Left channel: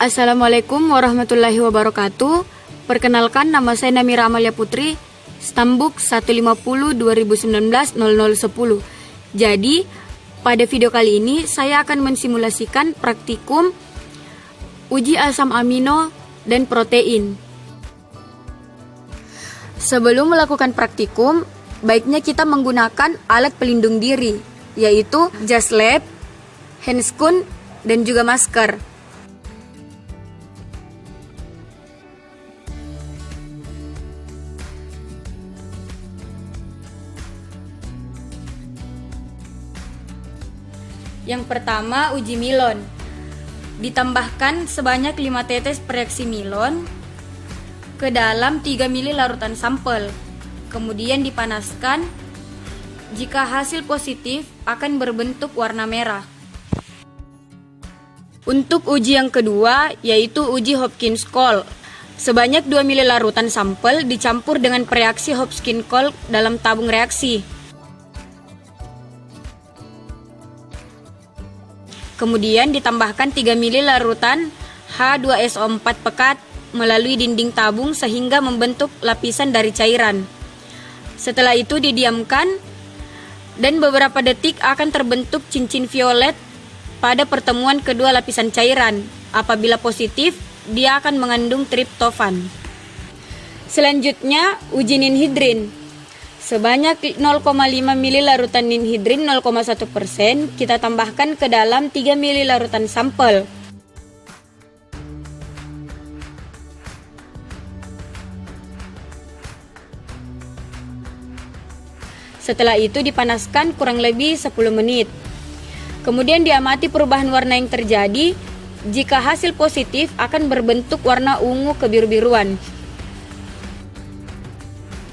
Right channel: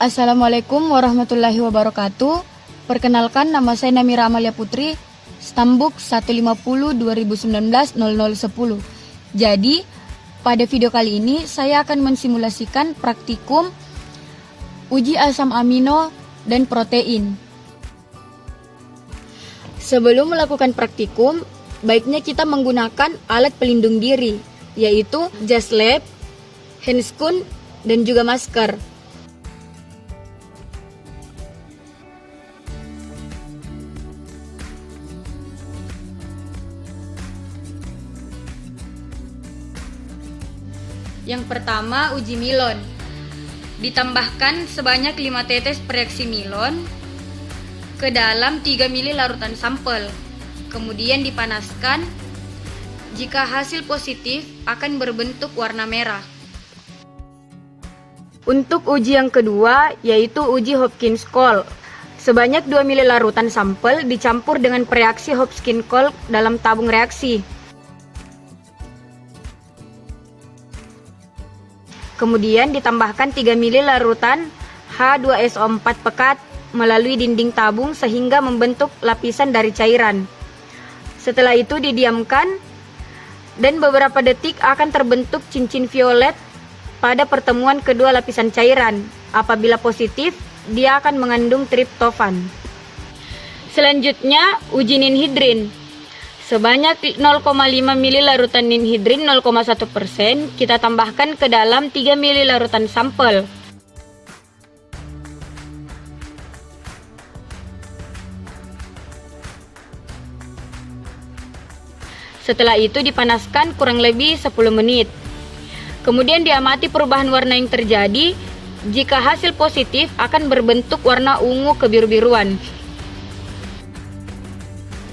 Assalamualaikum warahmatullahi wabarakatuh. Perkenalkan, nama saya Namira Amalia Putri, Stambuk 150 2019 0010. Jadi, pada video kali ini saya akan mensimulasikan praktikum uji asam amino dan protein. Sebelum melakukan praktikum, baiknya kita menggunakan alat pelindung diri, yaitu jas lab, handscoon, dan juga masker. Yang pertama, uji milon. Ditambahkan sebanyak 5 tetes reaksi milon ke dalam 3 ml larutan sampel. Kemudian dipanaskan. Jika hasil positif, akan berbentuk warna merah. Untuk uji yang kedua, yaitu uji Hopkins-Cole. Sebanyak 2 ml larutan sampel dicampur dengan reaksi Hopkins-Cole dalam tabung reaksi. Kemudian ditambahkan 3 ml larutan H2SO4 pekat melalui dinding tabung sehingga membentuk lapisan dari cairan. Setelah itu didiamkan dan beberapa detik akan terbentuk cincin violet pada pertemuan kedua lapisan cairan. Apabila positif, dia akan mengandung triptofan. Selanjutnya, uji ninhidrin. Sebanyak 0,5 ml larutan ninhidrin 0,1% kita tambahkan ke dalam 3 ml larutan sampel. Setelah itu dipanaskan kurang lebih 10 menit. Kemudian diamati perubahan warna yang terjadi. Jika hasil positif, akan berbentuk warna ungu kebiru-biruan.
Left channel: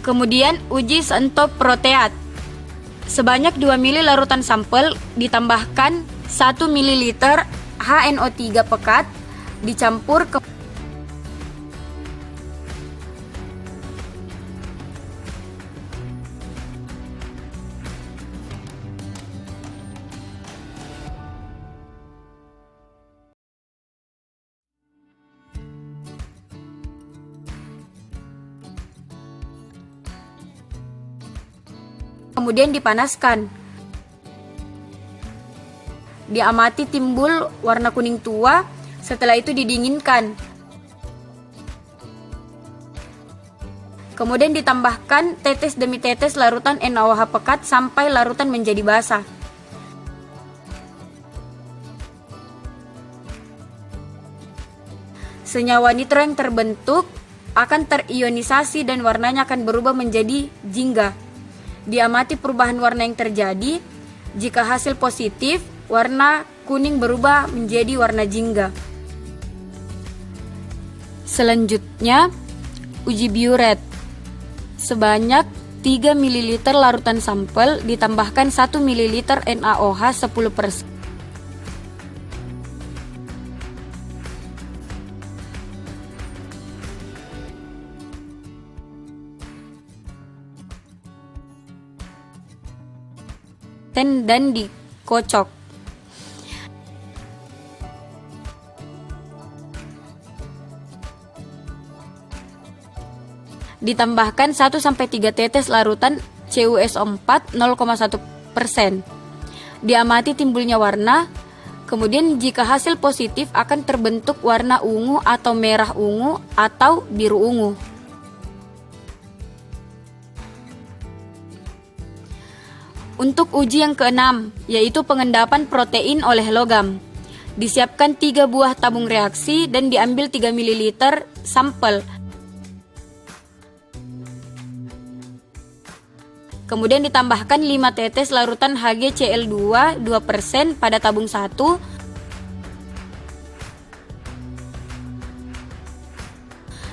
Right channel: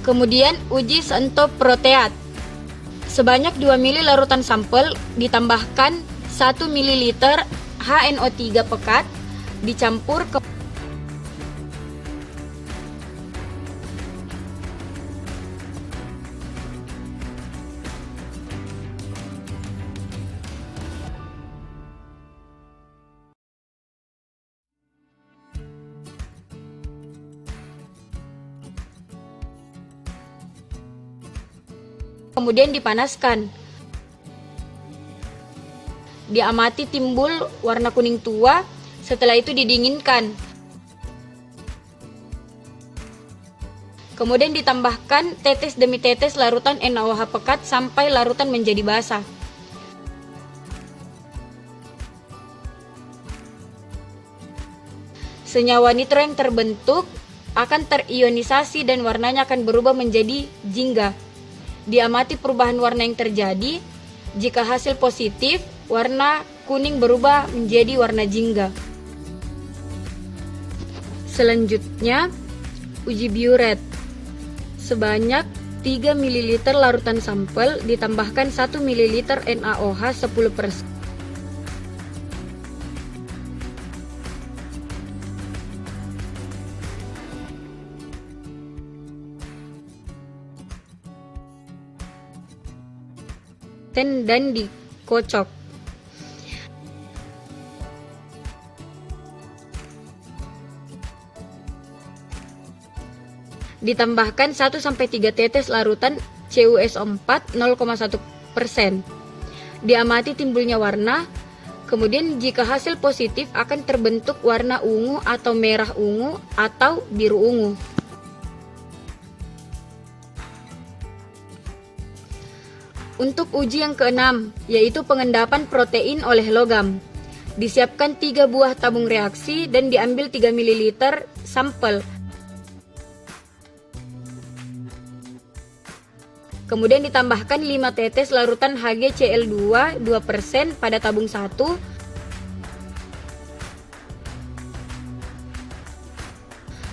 Kemudian uji sentop proteat. Sebanyak 2 ml larutan sampel ditambahkan 1 ml HNO3 pekat dicampur ke kemudian dipanaskan. Diamati timbul warna kuning tua, setelah itu didinginkan. Kemudian ditambahkan tetes demi tetes larutan NaOH pekat sampai larutan menjadi basah. Senyawa nitro yang terbentuk akan terionisasi dan warnanya akan berubah menjadi jingga. Diamati perubahan warna yang terjadi. Jika hasil positif, warna kuning berubah menjadi warna jingga. Selanjutnya, uji biuret. Sebanyak 3 ml larutan sampel ditambahkan 1 ml NaOH 10%. Dan dikocok. Ditambahkan 1-3 tetes larutan CuSO4 0,1%. Diamati timbulnya warna. Kemudian jika hasil positif akan terbentuk warna ungu atau merah ungu atau biru ungu. Untuk uji yang keenam, yaitu pengendapan protein oleh logam. Disiapkan 3 buah tabung reaksi dan diambil 3 ml sampel. Kemudian ditambahkan 5 tetes larutan HgCl2 2% pada tabung 1.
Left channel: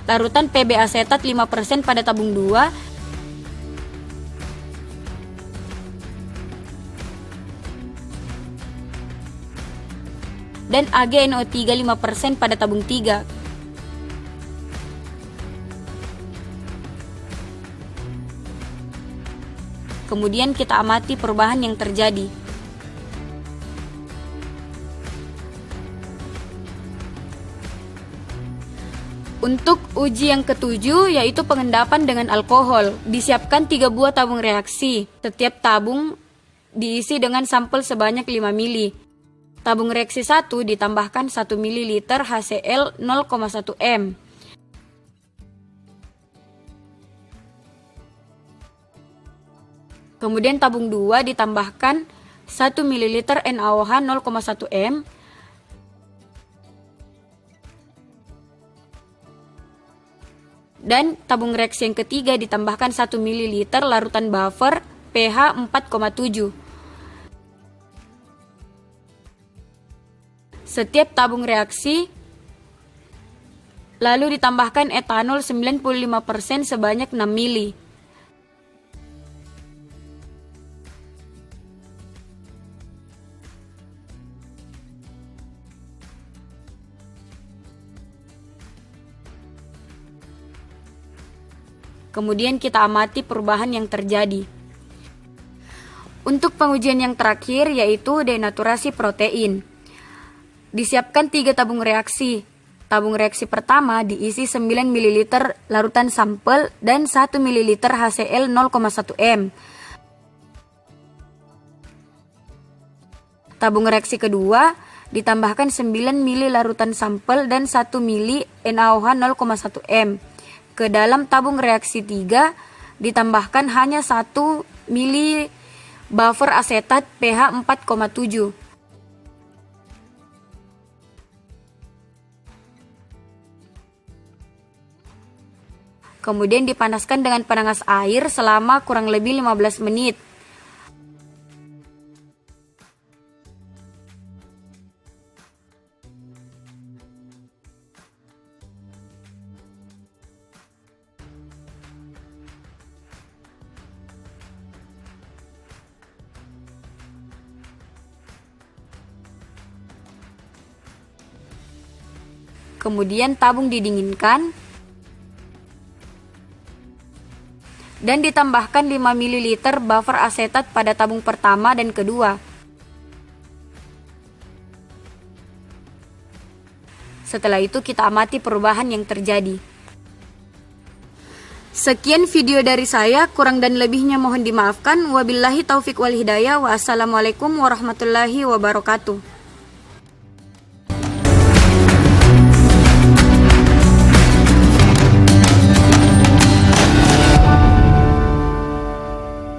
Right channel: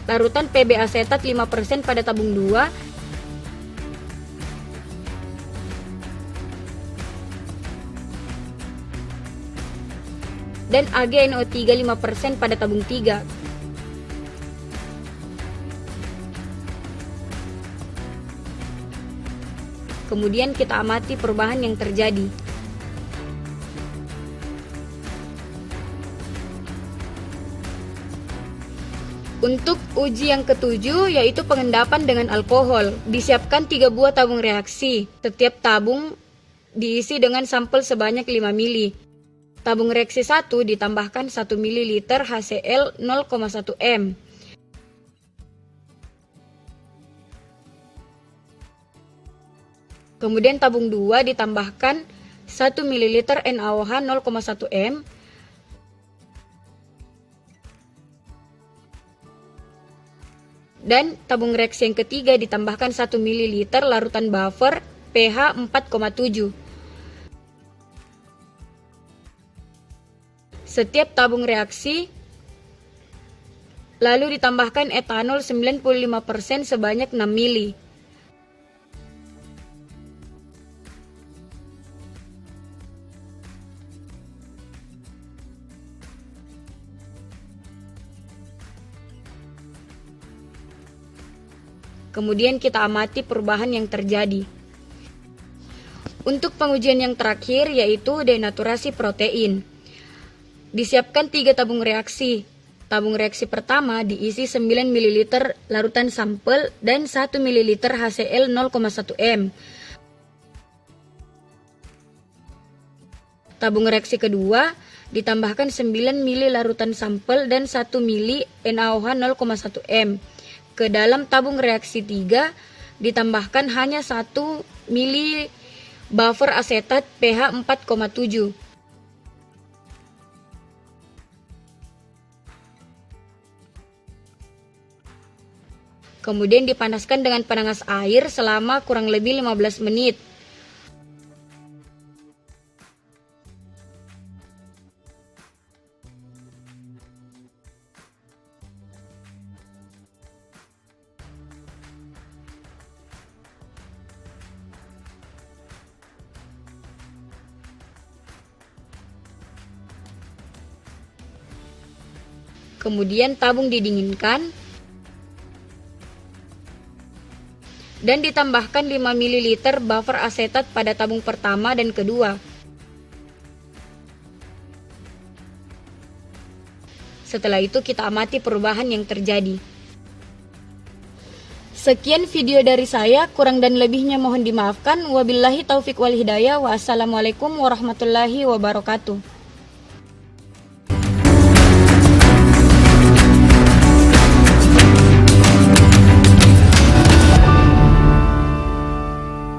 Larutan Pb asetat 5% pada tabung 2. Dan AgNO3 5% pada tabung 3. Kemudian kita amati perubahan yang terjadi. Untuk uji yang ketujuh yaitu pengendapan dengan alkohol. Disiapkan 3 buah tabung reaksi. Setiap tabung diisi dengan sampel sebanyak 5 mili. Tabung reaksi 1 ditambahkan 1 ml HCl 0,1 m. Kemudian tabung 2 ditambahkan 1 ml NaOH 0,1 m. Dan tabung reaksi yang ketiga ditambahkan 1 ml larutan buffer pH 4,7. Setiap tabung reaksi lalu ditambahkan etanol 95% sebanyak 6 mili. Kemudian kita amati perubahan yang terjadi. Untuk pengujian yang terakhir yaitu denaturasi protein. Disiapkan 3 tabung reaksi. Tabung reaksi pertama diisi 9 ml larutan sampel dan 1 ml HCl 0,1 m. Tabung reaksi kedua ditambahkan 9 ml larutan sampel dan 1 ml NaOH 0,1 m. Ke dalam tabung reaksi 3 ditambahkan hanya 1 mili buffer asetat pH 4,7. Kemudian dipanaskan dengan penanas air selama kurang lebih 15 menit. Kemudian tabung didinginkan dan ditambahkan 5 ml buffer asetat pada tabung pertama dan kedua. Setelah itu kita amati perubahan yang terjadi. Sekian video dari saya, kurang dan lebihnya mohon dimaafkan. Wabillahi taufik wal hidayah. Wassalamualaikum warahmatullahi wabarakatuh.